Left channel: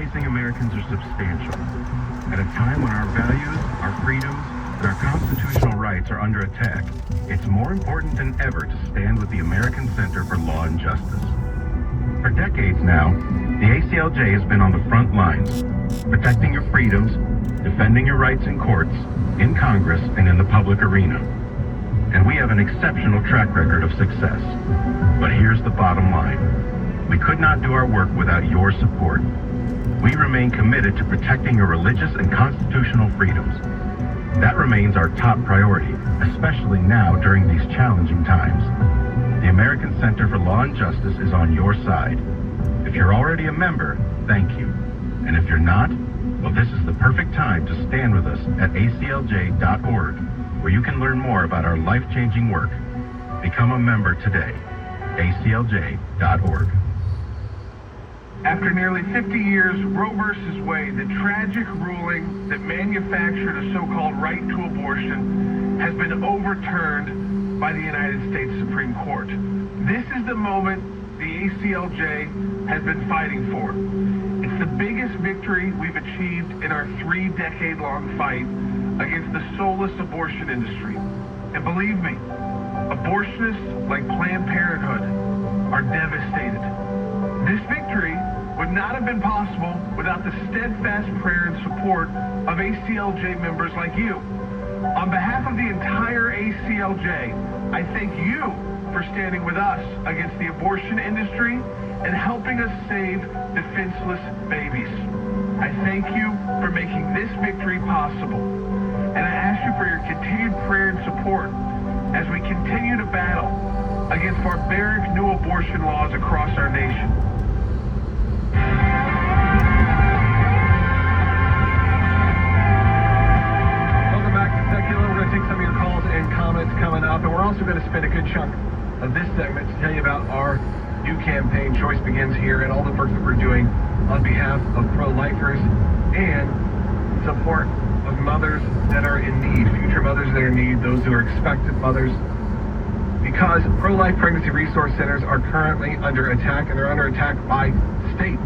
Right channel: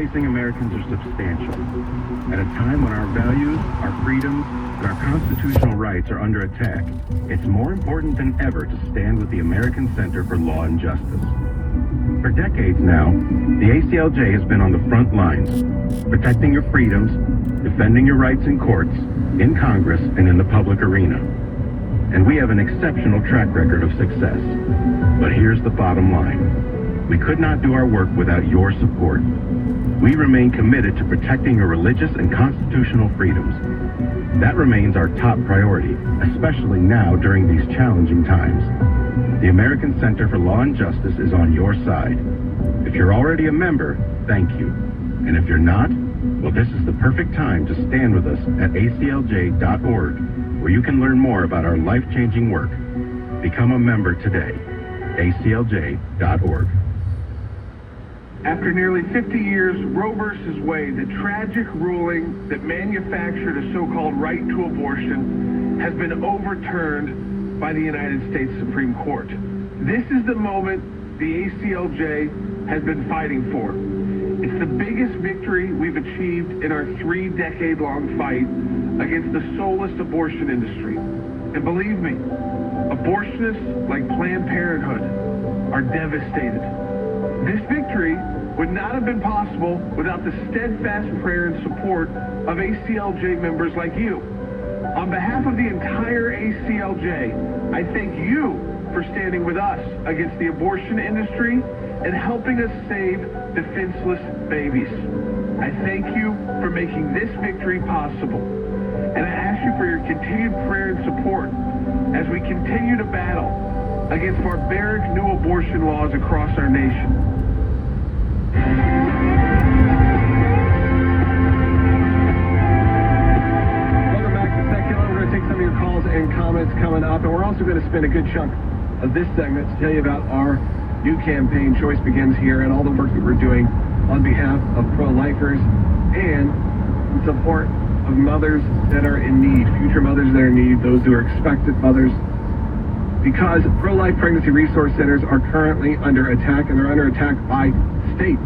Facing Americans are substantial. At a time when our values, our freedoms, and our constitutional rights are under attack, it's more important than ever to stand with the American Center for Law and Justice. For decades now, the ACLJ has been on the front lines, protecting your freedoms, defending your rights in courts, in Congress, and in the public arena. And we have an exceptional track record of success. But here's the bottom line. We could not do our work without your support. We remain committed to protecting your religious and constitutional freedoms. That remains our top priority, especially now during these challenging times. The American Center for Law and Justice is on your side. If you're already a member, thank you. And if you're not, well, this is the perfect time to stand with us at aclj.org, where you can learn more about our life-changing work. Become a member today. aclj.org. After nearly 50 years, Roe v. Wade, the tragic ruling that manufactured a so-called right to abortion, has been overturned by the United States Supreme Court. This is the moment the ACLJ has been fighting for. It's the biggest victory we've achieved in our 3-decade-long fight against the soulless abortion industry. And believe me, abortionists like Planned Parenthood are devastated. This victory would not have been possible without the steadfast prayer and support of ACLJ members like you. On behalf of the entire ACLJ, I thank you for standing with us against the abortion industry and helping us save defenseless babies. I thank you for making this victory possible. And I ask you for your continued prayer and support as we continue to battle against barbaric new abortion laws across our nation. Welcome back to Secular. We're going to take some of your calls and comments coming up, and we're also going to spend a good chunk of this segment to tell you about our new campaign, Choice Begins Here, and all the work that we're doing on behalf of pro-lifers and in support of mothers that are in need, future mothers that are in need, those who are expectant mothers, because pro-life pregnancy resource centers are currently under attack, and they're under attack by states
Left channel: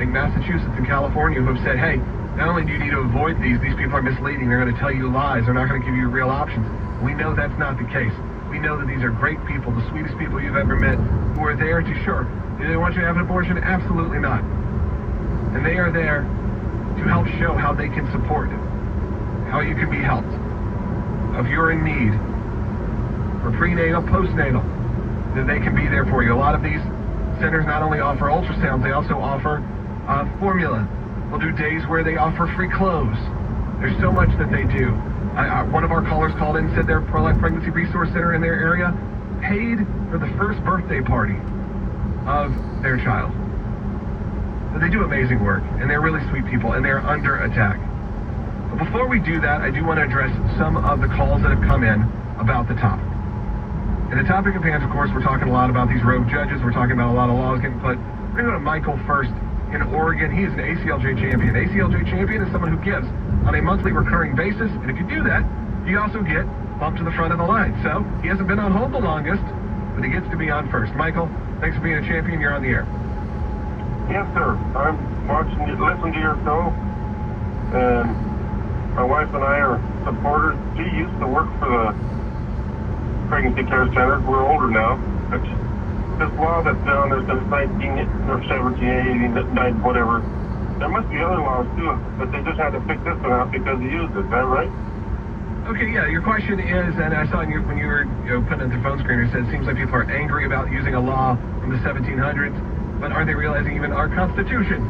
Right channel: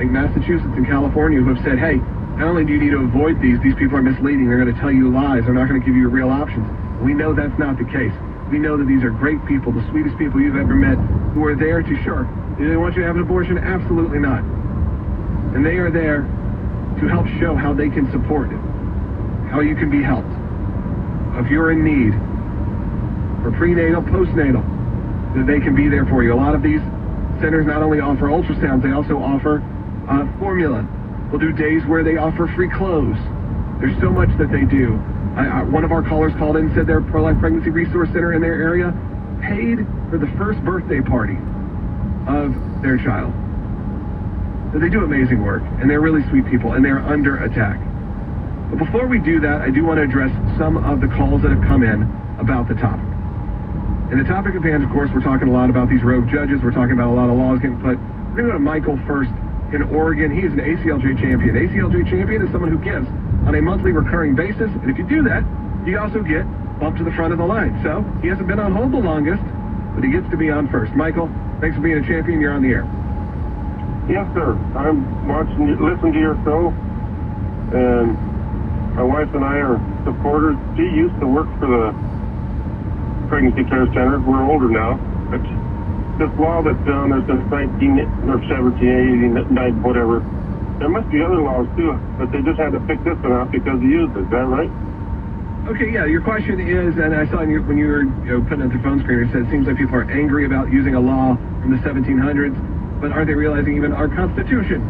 like Massachusetts and California who have said, hey, not only do you need to avoid these people are misleading, they're going to tell you lies, they're not going to give you real options. We know that's not the case. We know that these are great people, the sweetest people you've ever met, who are there to, sure, do they want you to have an abortion? Absolutely not. And they are there to help show how they can support it, how you can be helped. If you're in need for prenatal, postnatal, that they can be there for you. A lot of these centers not only offer ultrasounds, they also offer formula. We'll do days where they offer free clothes. There's so much that they do. One of our callers called in and said their pro-life pregnancy resource center in their area paid for the first birthday party of their child. So they do amazing work, and they're really sweet people, and they're under attack. But before we do that, I do want to address some of the calls that have come in about the topic. And the topic of hands, of course, we're talking a lot about these rogue judges. We're talking about a lot of laws getting put. We're going to go to Michael first in Oregon. He's an ACLJ champion. ACLJ champion is someone who gives on a monthly recurring basis. And if you do that, you also get bumped to the front of the line. So he hasn't been on hold the longest, but he gets to be on first. Michael, thanks for being a champion. You're on the air. Yes, sir. I'm listening to your show, and my wife and I are supporters. She used to work for the Pregnancy Care Center. We're older now. This law that's down there since 1789, whatever. There must be other laws too, but they just had to pick this one out because he used it. Is that right? Okay, yeah. Your question is, and I saw when you were putting it through phone screen, it said it seems like people are angry about using a law from the 1700s, but aren't they realizing even our Constitution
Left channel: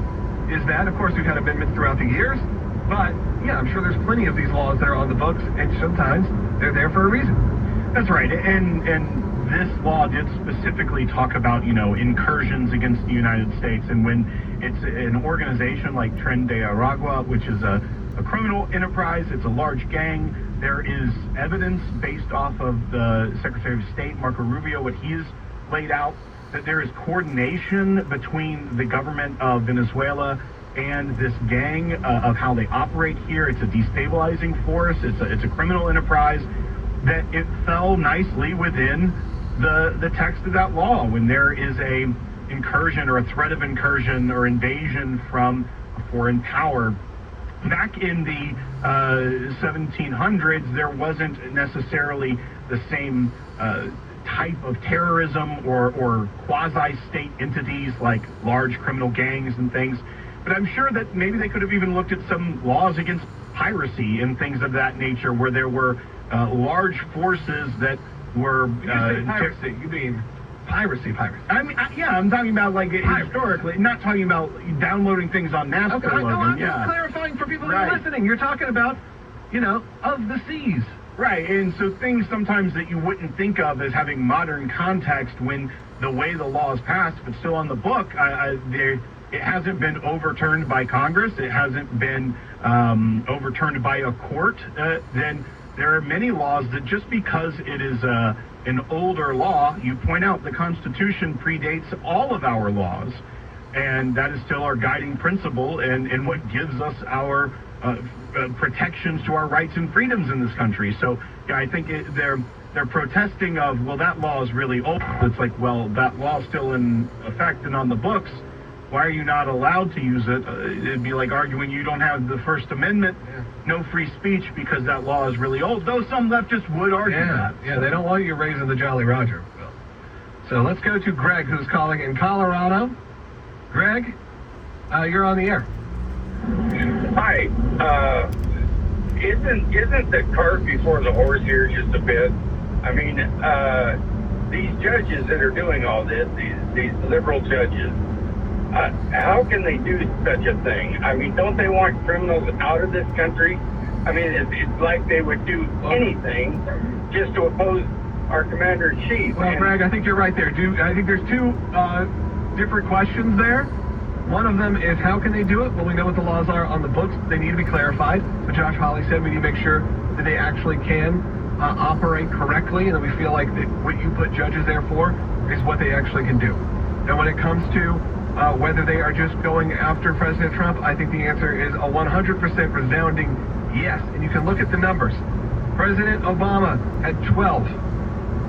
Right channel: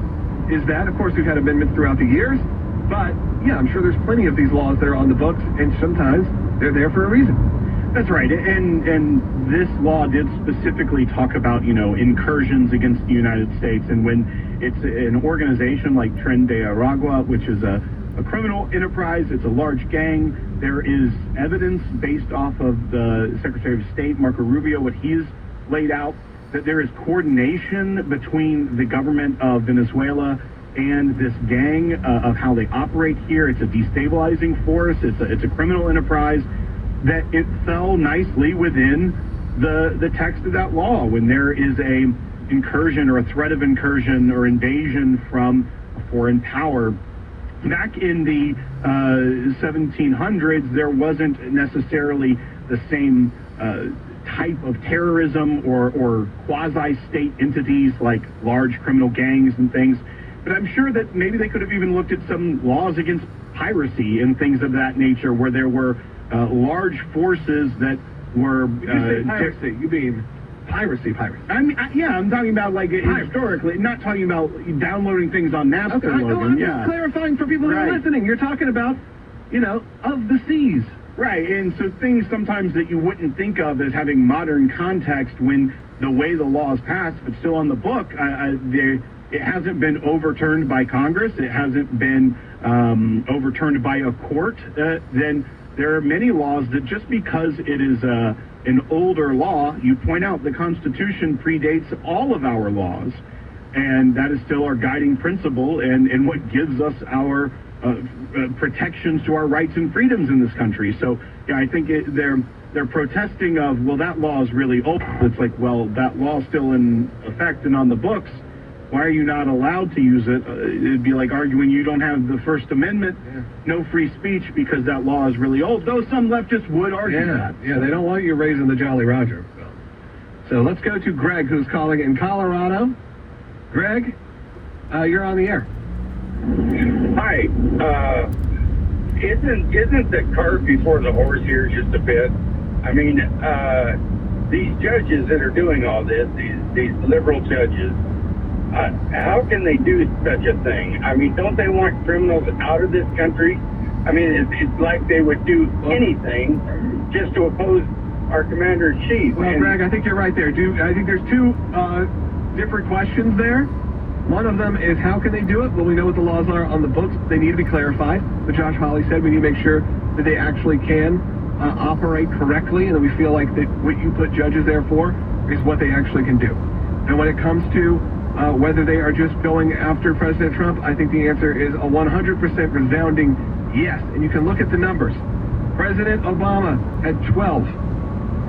is that? Of course, we've had amendments throughout the years, but yeah, I'm sure there's plenty of these laws that are on the books, and sometimes they're there for a reason. That's right, and this law did specifically talk about, incursions against the United States, and when it's an organization like Tren de Aragua, which is a criminal enterprise, it's a large gang, there is evidence based off of the Secretary of State, Marco Rubio, what he's laid out, that there is coordination between the government of Venezuela and this gang of how they operate here. It's a destabilizing force, it's a criminal enterprise, that it fell nicely within the text of that law when there is a incursion or a threat of incursion or invasion from foreign power. Back in the 1700s, there wasn't necessarily the same type of terrorism or quasi-state entities like large criminal gangs and things. But I'm sure that maybe they could have even looked at some laws against piracy and things of that nature, where there were large forces that were... When you say piracy, you mean piracy. I mean, yeah, I'm talking about like historically, not talking about downloading things on Napster. Okay, I'm just clarifying for people who are listening. You're talking about, of the seas. Right, and so things sometimes that you wouldn't think of as having modern context when the way the law is passed, but still on the book, it hasn't been overturned by Congress, it hasn't been overturned by a court, then there are many laws that just because it is an older law, you point out the Constitution predates all of our laws, and that is still our guiding principle and what gives us our protections to our rights and freedoms in this country. So, yeah, I think they're protesting of, well, that law is really old. It's like, well, that law's still in effect and on the books. Why are you not allowed to use it? It'd be like arguing you don't have the First Amendment, no free speech because that law is really old, though some leftists would argue that. Yeah, they don't want you raising the Jolly Roger. So let's go to Greg, who's calling in Colorado. Greg, you're on the air. Hi. Isn't the cart before the horse here just a bit? I mean, these judges that are doing all this, these liberal judges, how can they do such a thing? I mean, don't they want criminals out of this country? I mean, it's like they would do anything just to oppose our commander-in-chief. Well, Greg, I think you're right there. I think there's two different questions there. One of them is, how can they do it? Well, we know what the laws are on the books. They need to be clarified. But Josh Hawley said we need to make sure that they actually can operate correctly, and that we feel like that what you put judges there for is what they actually can do. And when it comes to whether they are just going after President Trump, I think the answer is a 100% resounding yes. And you can look at the numbers. President Obama had 12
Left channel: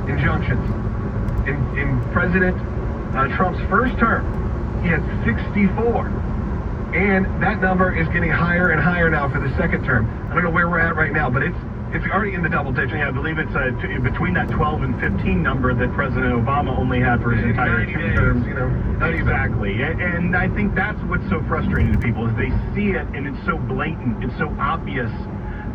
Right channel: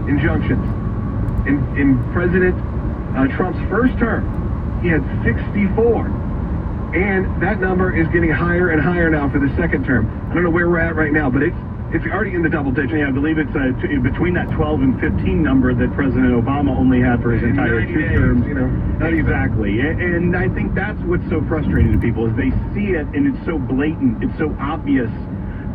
injunctions. In President Trump's first term, he had 64. And that number is getting higher and higher now for the second term. I don't know where we're at right now, but it's already in the double digits. Yeah, I believe it's between that 12 and 15 number that President Obama only had for his entire two terms. Exactly. And I think that's what's so frustrating to people is they see it and it's so blatant, it's so obvious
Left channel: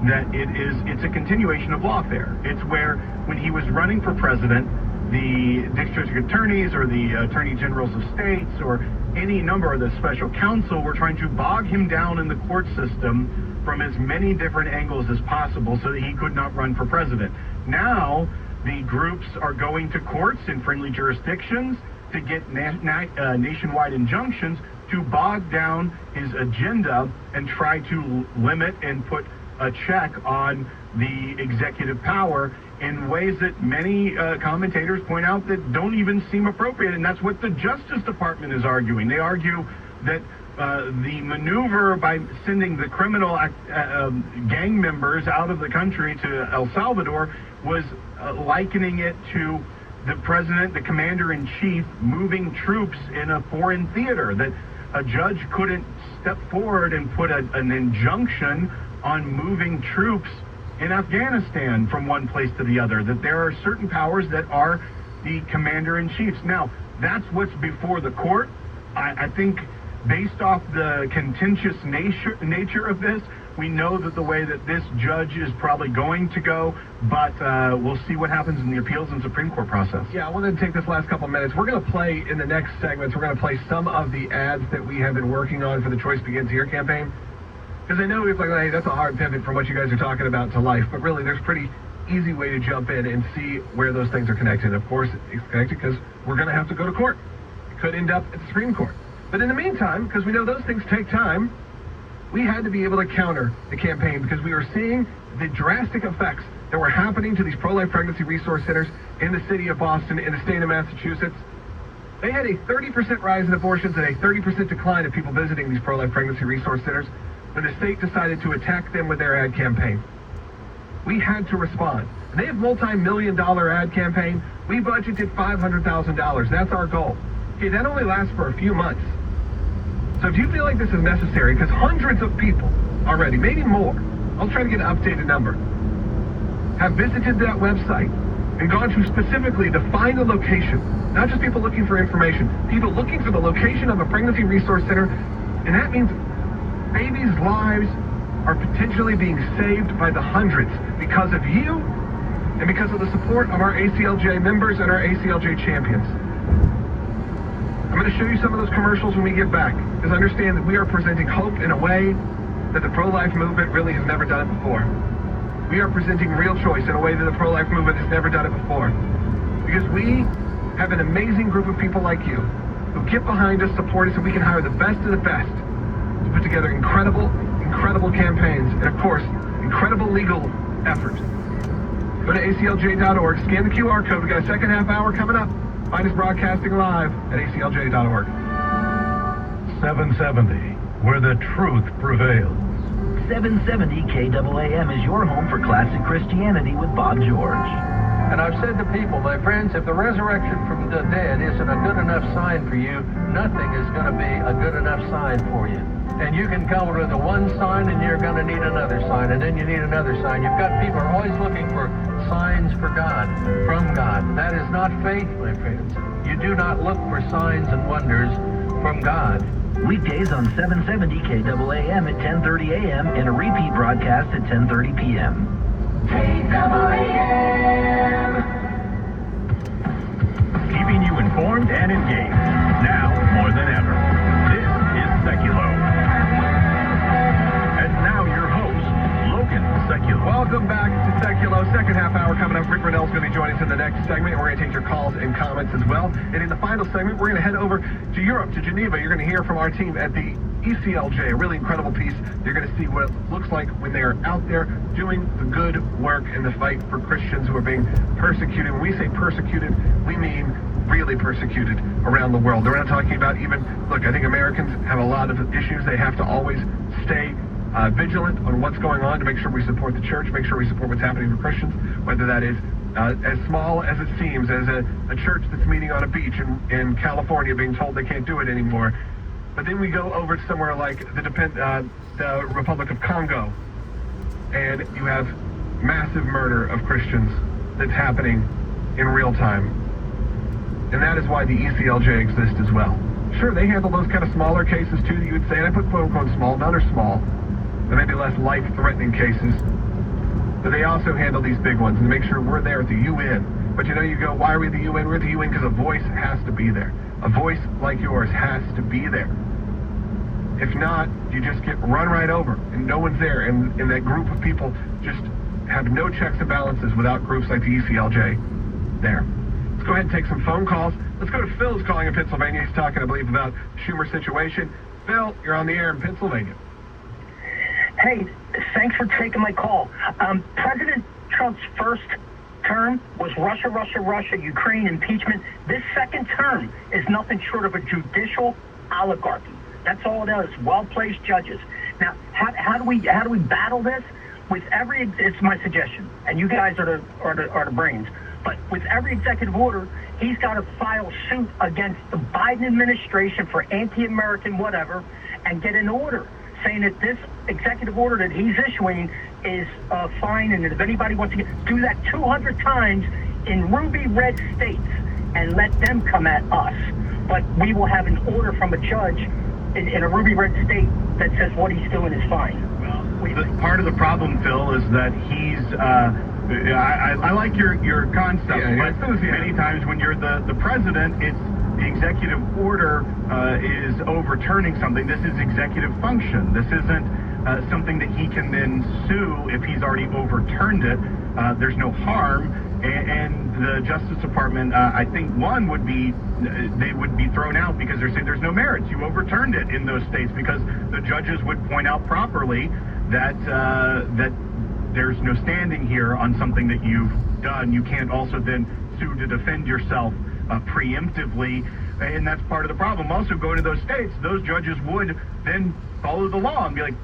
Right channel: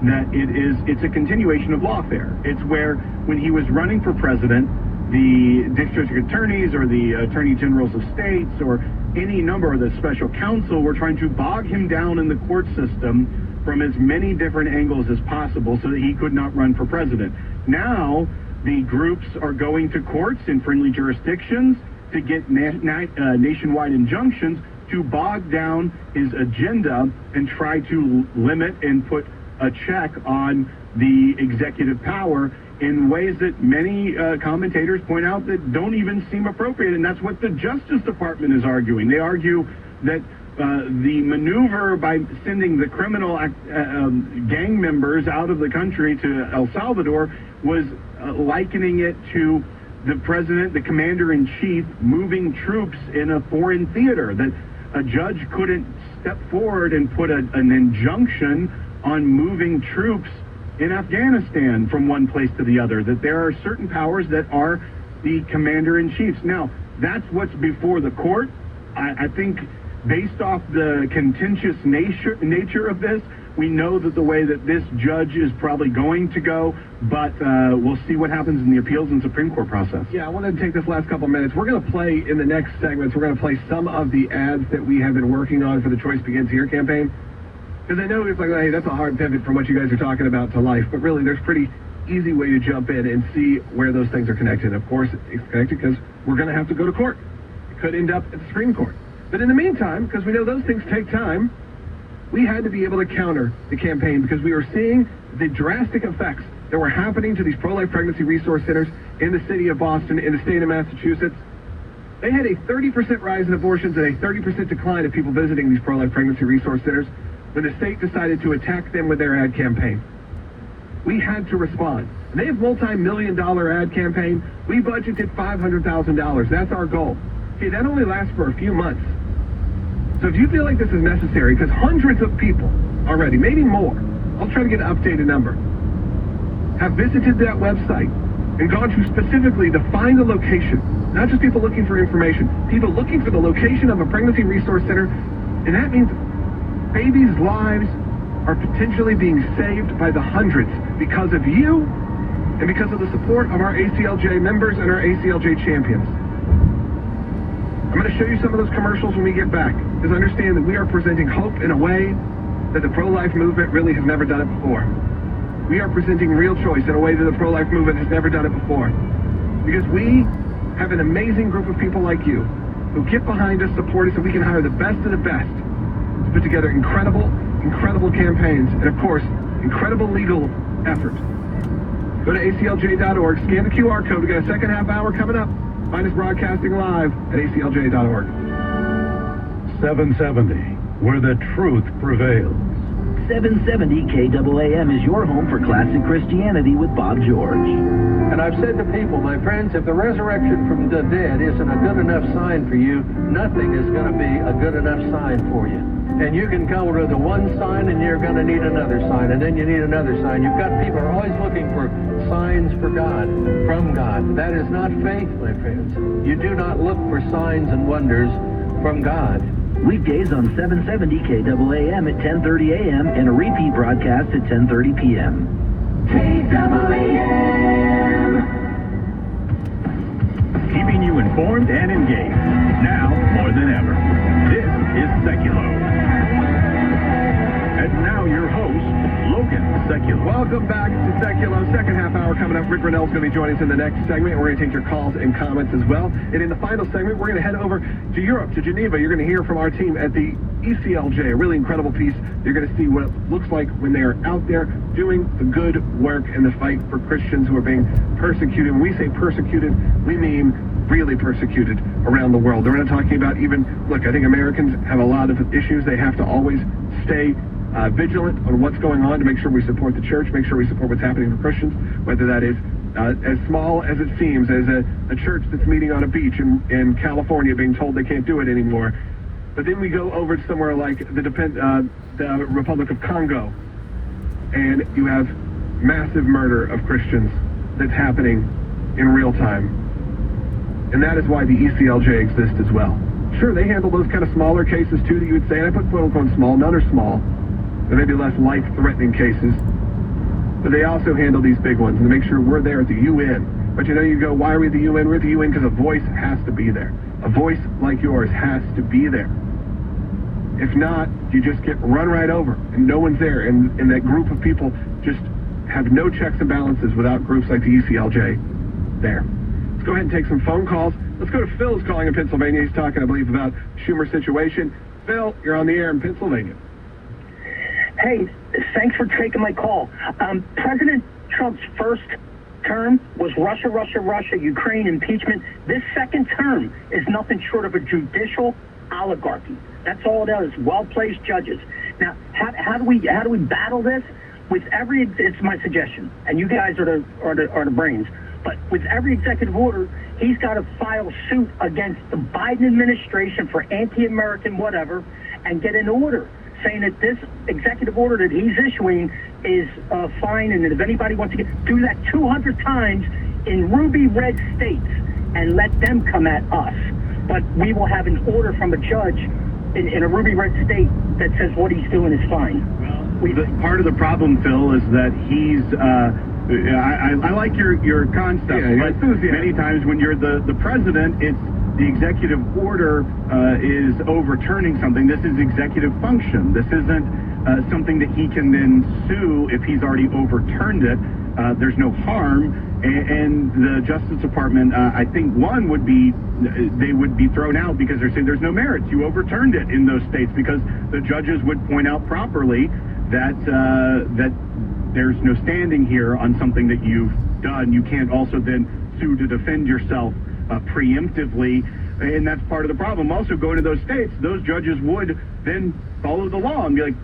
that it's a continuation of lawfare. It's where when he was running for president, the district attorneys or the attorney generals of states or any number of the special counsel were trying to bog him down in the court system from as many different angles as possible so that he could not run for president. Now, the groups are going to courts in friendly jurisdictions to get nationwide injunctions to bog down his agenda and try to limit and put a check on the executive power in ways that many commentators point out that don't even seem appropriate, and that's what the Justice Department is arguing. They argue that the maneuver by sending the criminal gang members out of the country to El Salvador was likening it to the president, the commander-in-chief, moving troops in a foreign theater, that a judge couldn't step forward and put an injunction on moving troops in Afghanistan from one place to the other, that there are certain powers that are the commander-in-chiefs. Now, that's what's before the court. I think based off the contentious nature of this, we know that the way that this judge is probably going to go, but we'll see what happens in the appeals and Supreme Court process. Yeah, I wanted to take this last couple minutes. We're going to play in the next segments, we're going to play some of the ads that we have been working on for the Choice Begins Here campaign. Because I know it's like, hey, that's a hard pivot from what you guys are talking about to life, but really there's pretty easy way to jump in and see where those things are connected. Of course, it's connected because we're going to have to go to court. It could end up at the Supreme Court. But in the meantime, because we know those things take time, we had to be able to counter the campaign because we were seeing the drastic effects that were happening to these pro-life pregnancy resource centers in the city of Boston, in the state of Massachusetts. They had a 30% rise in abortions and a 30% decline of people visiting these pro-life pregnancy resource centers when the state decided to attack them with their ad campaign. We had to respond. And they have multi-million-dollar ad campaign. We budgeted $500,000. That's our goal. Okay, that only lasts for a few months. So if you feel like this is necessary, because hundreds of people already, maybe more, I'll try to get an updated number, have visited that website and gone to specifically to find a location, not just people looking for information, people looking for the location of a pregnancy resource center, and that means babies' lives are potentially being saved by the hundreds because of you and because of the support of our ACLJ members and our ACLJ champions. I'm going to show you some of those commercials when we get back, because understand that we are presenting hope in a way that the pro-life movement really has never done it before. We are presenting real choice in a way that the pro-life movement has never done it before. Because we have an amazing group of people like you who get behind us, support us, and we can hire the best of the best to put together incredible campaigns, and of course, incredible legal efforts. Go to aclj.org, scan the QR code. We got a second half hour coming up. Find us broadcasting live at aclj.org. 770, where the truth prevails. 770 KAAM is your home for classic Christianity with Bob George. And I've said to people, my friends, if the resurrection from the dead isn't a good enough sign for you, nothing is going to be a good enough sign for you. And you can come with the one sign, and you're going to need another sign, and then you need another sign. You've got people are always looking for signs for God, from God. That is not faith, my friends. You do not look for signs and wonders from God. Weekdays on 770 KAAM at 10:30 a.m. and a repeat broadcast at 10:30 p.m. Keeping you informed and engaged, now more than ever. This is Seculo. And now your host, Logan Seculo. Welcome back to Seculo. Second half hour coming up. Rick Brunell's going to be joining us in the next segment. We're going to take your calls and comments as well. And in the final segment, we're going to head over to Europe, to Geneva. You're going to hear from our team at the ECLJ, a really incredible piece. You're going to see what it looks like when they are out there doing the good work in the fight for Christians who are being persecuted. When we say persecuted, we mean really persecuted around the world. We're not talking about even, look, I think Americans have a lot of issues. They have to always stay vigilant on what's going on to make sure we support the church, make sure we support what's happening for Christians, whether that is as small as it seems, as a church that's meeting on a beach in California being told they can't do it anymore. But then we go over to somewhere like the Republic of Congo, and you have massive murder of Christians that's happening in real time. And that is why the ECLJ exists as well. Sure, they handle those kind of smaller cases too that you would say, and I put quote-unquote small, none are small. There may be less life-threatening cases, but they also handle these big ones and make sure we're there at the UN. But you go, why are we at the UN? We're at the UN because a voice has to be there. A voice like yours has to be there. If not, you just get run right over, and no one's there, and that group of people just have no checks and balances without groups like the ECLJ there. Let's go ahead and take some phone calls. Let's go to Phil, who's calling in Pennsylvania. He's talking, I believe, about Schumer's situation. Phil, you're on the air in Pennsylvania. Hey, thanks for taking my call. President Trump's first term was Russia, Russia, Russia, Ukraine, impeachment. This second term is nothing short of a judicial oligarchy. That's all it is, well-placed judges. Now, how do we battle this? With every, it's my suggestion, and you guys are the brains. But with every executive order, he's got to file suit against the Biden administration for anti-American whatever, and get an order saying that this executive order that he's issuing is fine, and that if anybody wants to do that 200 times in ruby red states and let them come at us. But we will have an order from a judge in a ruby red state that says what he's doing is fine. Well, part of the problem, Phil, is that he's I like your concept, but many times when you're the president, it's the executive order is overturning something. This is executive function. This isn't something that he can then sue if he's already overturned it. There's no harm. And the Justice Department, I think one would be, they would be thrown out because they're saying there's no merits. You overturned it in those states because the judges would point out properly that that there's no standing here on something that you've done. You can't also then sue to defend yourself preemptively, and that's part of the problem. Also, going to those states, those judges would then follow the law and be like,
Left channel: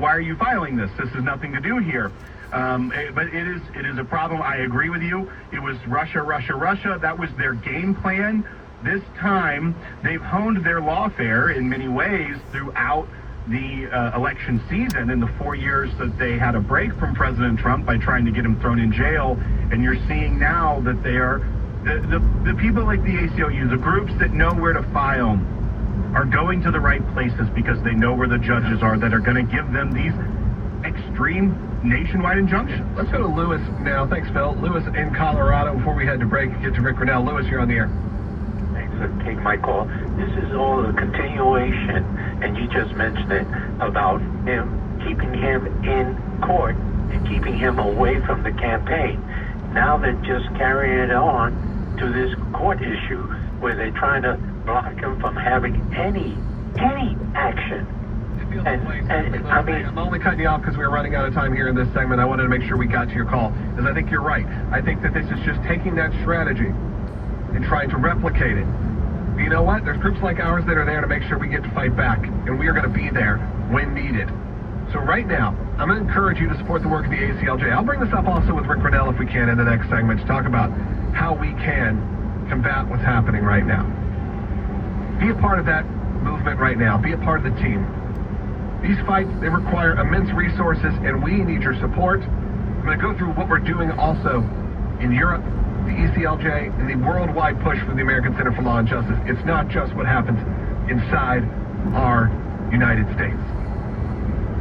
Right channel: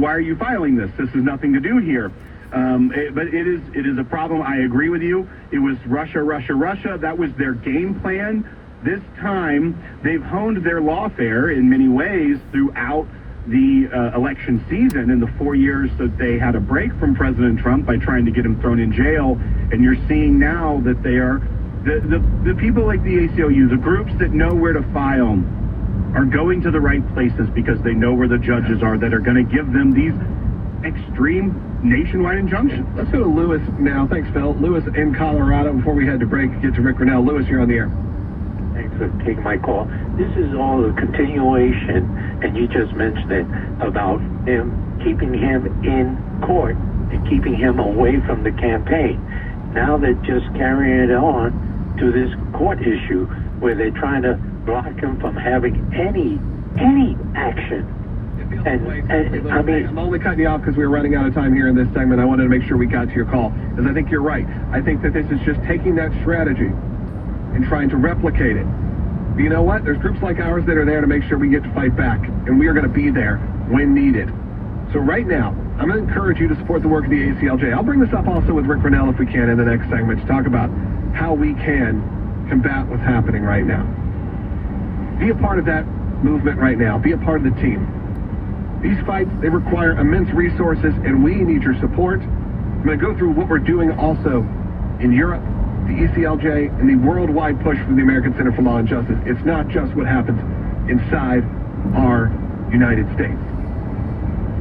why are you filing this? This has nothing to do here. But it is a problem. I agree with you. It was Russia, Russia, Russia. That was their game plan this time they've honed their lawfare in many ways throughout the election season in the 4 years that they had a break from President Trump by trying to get him thrown in jail. And you're seeing now that they are, the people like the ACLU, the groups that know where to file, are going to the right places because they know where the judges are that are going to give them these extreme nationwide injunctions. Let's go to Lewis now. Thanks, Phil. Lewis in Colorado. Before we head to break, get to Rick Grinnell. Lewis, you're on the air. Thanks for taking my call. This is all a continuation, and you just mentioned it, about him, keeping him in court and keeping him away from the campaign. Now they're just carrying it on to this court issue where they're trying to block him from having any action. And I mean, I'm only cutting you off because we were running out of time here in this segment. I wanted to make sure we got to your call, because I think you're right. I think that this is just taking that strategy and trying to replicate it. But you know what? There's groups like ours that are there to make sure we get to fight back, and we are going to be there when needed. So right now, I'm going to encourage you to support the work of the ACLJ. I'll bring this up also with Rick Grinnell if we can in the next segment to talk about how we can combat what's happening right now. Be a part of that movement right now. Be a part of the team. These fights, they require immense resources, and we need your support. I'm going to go through what we're doing also in Europe, the ECLJ, and the worldwide push for the American Center for Law and Justice. It's not just what happens inside our United States.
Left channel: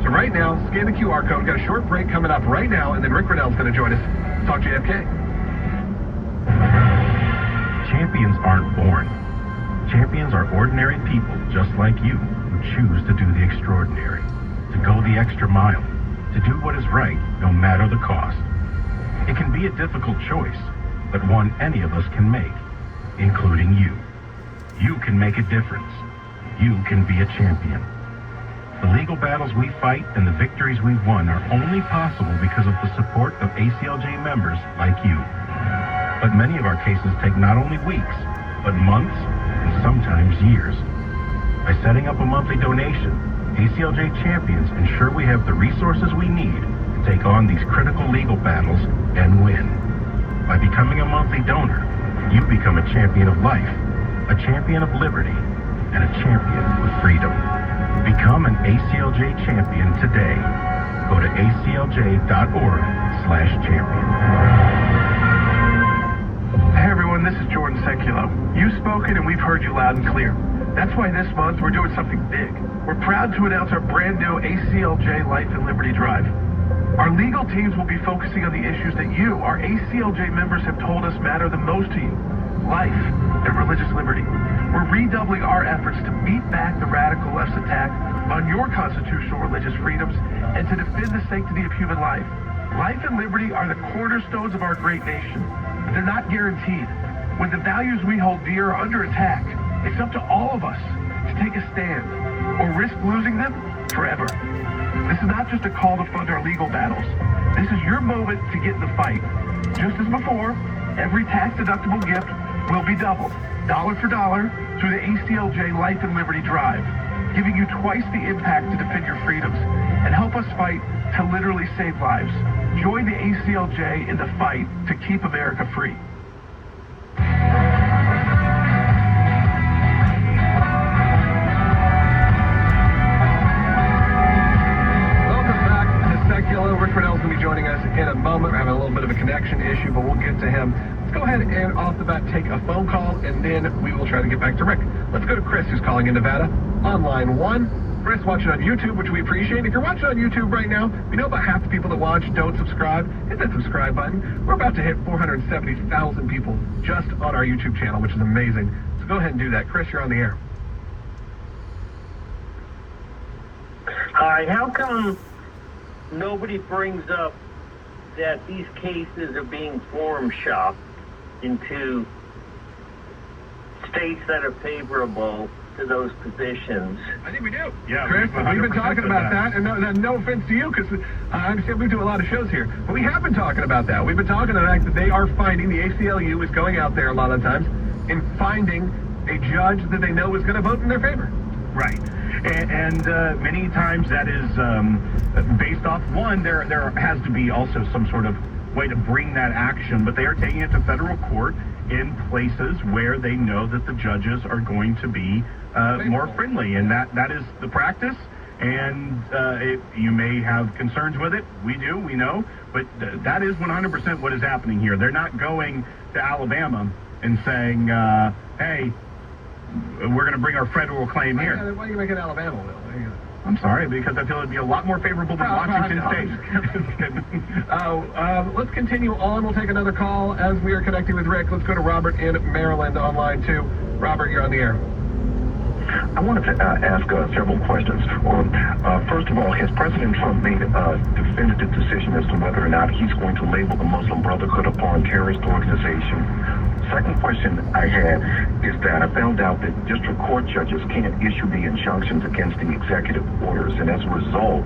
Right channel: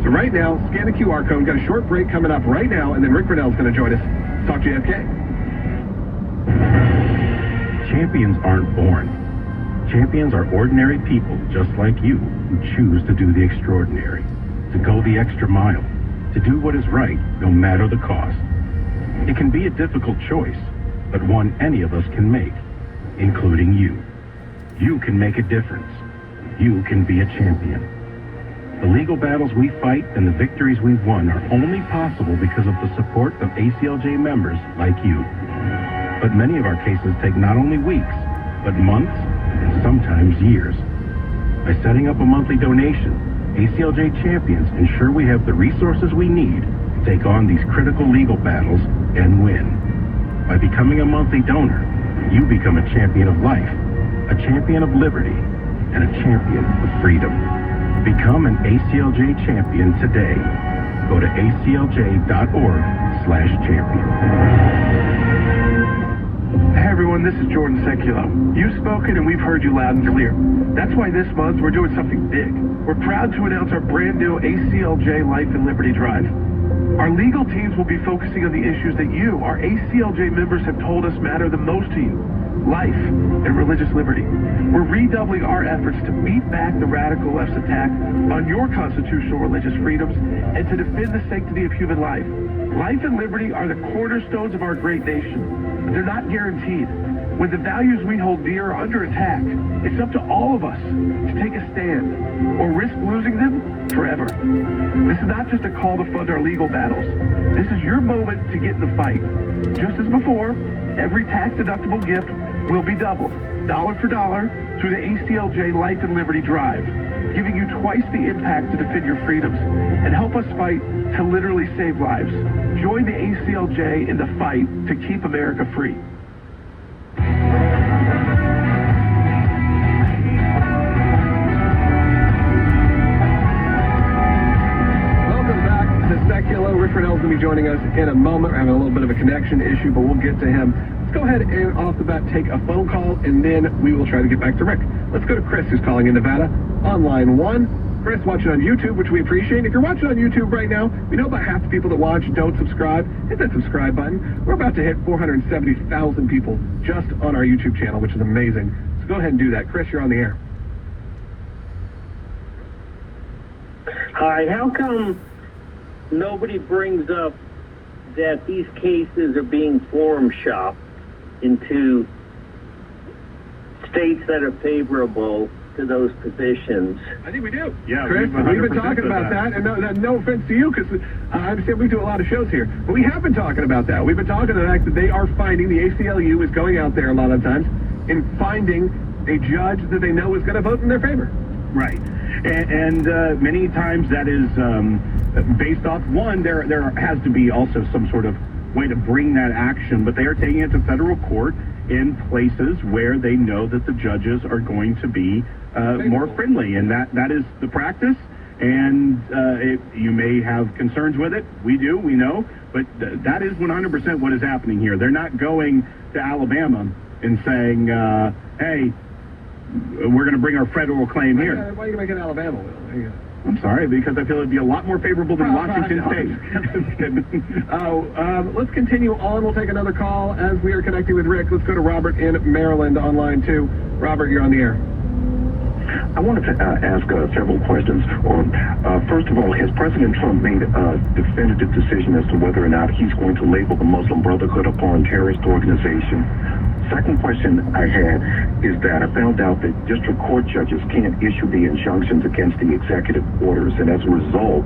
So right now, scan the QR code. We've got a short break coming up right now, and then Rick Grinnell's going to join us. Talk JFK. Champions aren't born. Champions are ordinary people just like you who choose to do the extraordinary, to go the extra mile, to do what is right no matter the cost. It can be a difficult choice, but one any of us can make, including you. You can make a difference. You can be a champion. The legal battles we fight and the victories we've won are only possible because of the support of ACLJ members like you. But many of our cases take not only weeks, but months and sometimes years. By setting up a monthly donation, ACLJ champions ensure we have the resources we need to take on these critical legal battles and win. By becoming a monthly donor, you become a champion of life, a champion of liberty, and a champion of freedom. Become an ACLJ champion today. Go to aclj.org/champion. Hey everyone, this is Jordan Seculo. You've spoken and we've heard you loud and clear. That's why this month we're doing something big. We're proud to announce our brand new ACLJ Life and Liberty Drive. Our legal teams will be focusing on the issues that you, our ACLJ members, have told us matter the most to you. Life and religious liberty. We're redoubling our efforts to beat back the radical left's attack on your constitutional religious freedoms and to defend the sanctity of human life. Life and liberty are the cornerstones of our great nation, but they're not guaranteed. When the values we hold dear are under attack, it's up to all of us to take a stand or risk losing them forever. This is not just a call to fund our legal battles. This is your moment to get in the fight. Just as before, every tax-deductible gift will be doubled, dollar for dollar, through the ACLJ Life and Liberty Drive, giving you twice the impact to defend your freedoms and help us fight to literally save lives. Join the ACLJ in the fight to keep America free. Welcome back to Secular. Rick Grinnell's going to be joining us in a moment. We're having a little bit of a connection issue, but we'll get to him. Let's go ahead and off the bat take a phone call, and then we will try to get back to Rick. Let's go to Chris, who's calling in Nevada, on line 1. Chris, watching on YouTube, which we appreciate. If you're watching on YouTube right now, we know about half the people that watch don't subscribe. Hit that subscribe button. We're about to hit 470,000 people just on our YouTube channel, which is amazing. So go ahead and do that. Chris, you're on the air. Hi, how come nobody brings up that these cases are being forum shopped into states that are favorable to those positions? I think we do. Yeah, Chris, we've been talking about that, and no offense to you, because I understand we do a lot of shows here, but we have been talking about that. We've been talking about the fact that they are finding, the ACLU is going out there a lot of times and finding a judge that they know is going to vote in their favor. Right. And many times that is based off, one, there has to be also some sort of way to bring that action, but they are taking it to federal court, in places where they know that the judges are going to be more friendly, and that is the practice. And you may have concerns with it. We do, we know, but that is 100% what is happening here. They're not going to Alabama and saying, hey, we're going to bring our federal claim here. Why do you make it Alabama, Will? There you go. I'm sorry, because I feel it'd be a lot more favorable than Washington State. Let's continue on. We'll take another call as we are connecting with Rick. Let's go to Robert in Maryland on line 2. Robert, you're on the air. I wanted to ask several questions. First of all, has President Trump made a definitive decision as to whether or not he's going to label the Muslim Brotherhood a foreign terrorist organization? Second question I had is that I found out that district court judges can't issue the injunctions against the executive orders, and as a result,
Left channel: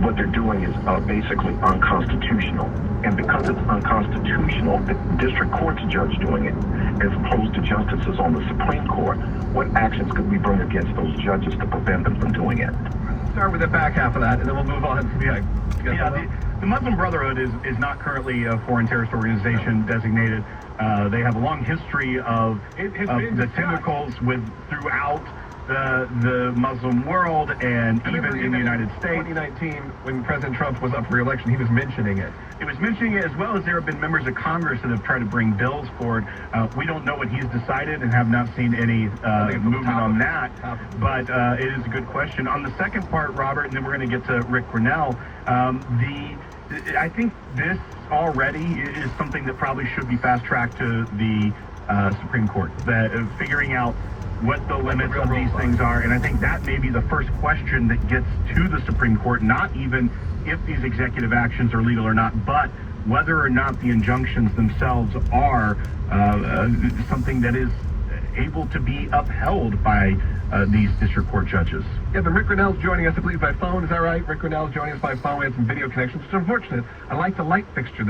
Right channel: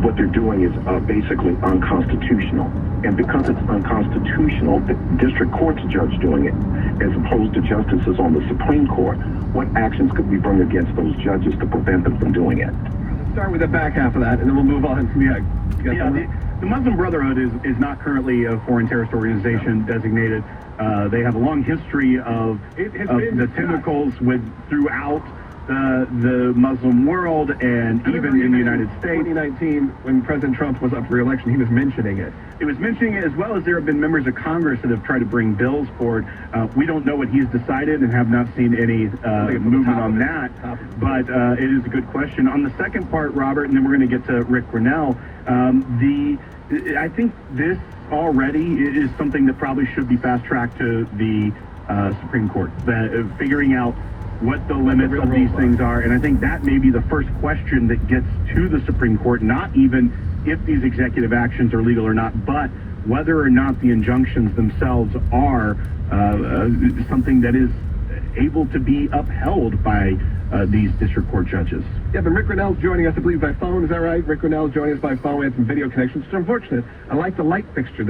what they're doing is basically unconstitutional. And because it's unconstitutional, the district court's judge doing it, as opposed to justices on the Supreme Court, what actions could we bring against those judges to prevent them from doing it? Let's start with the back half of that, and then we'll move on. The Muslim Brotherhood is not currently a foreign terrorist organization designated. They have a long history of the tentacles throughout the Muslim world and even in the United States. 2019, when President Trump was up for re-election, he was mentioning it. He was mentioning it, as well as there have been members of Congress that have tried to bring bills forward. We don't know what he's decided and have not seen any movement on that, but it is a good question. On the second part, Robert, and then we're going to get to Rick Grinnell, I think this already is something that probably should be fast-tracked to the Supreme Court, figuring out what the limits of these things are, and I think that may be the first question that gets to the Supreme Court, not even if these executive actions are legal or not, but whether or not the injunctions themselves are something that is able to be upheld by these district court judges. Yeah, but Rick Grinnell's joining us, I believe, by phone. Is that right? Rick Grinnell's joining us by phone. We had some video connections, which is unfortunate. I like the light fixture.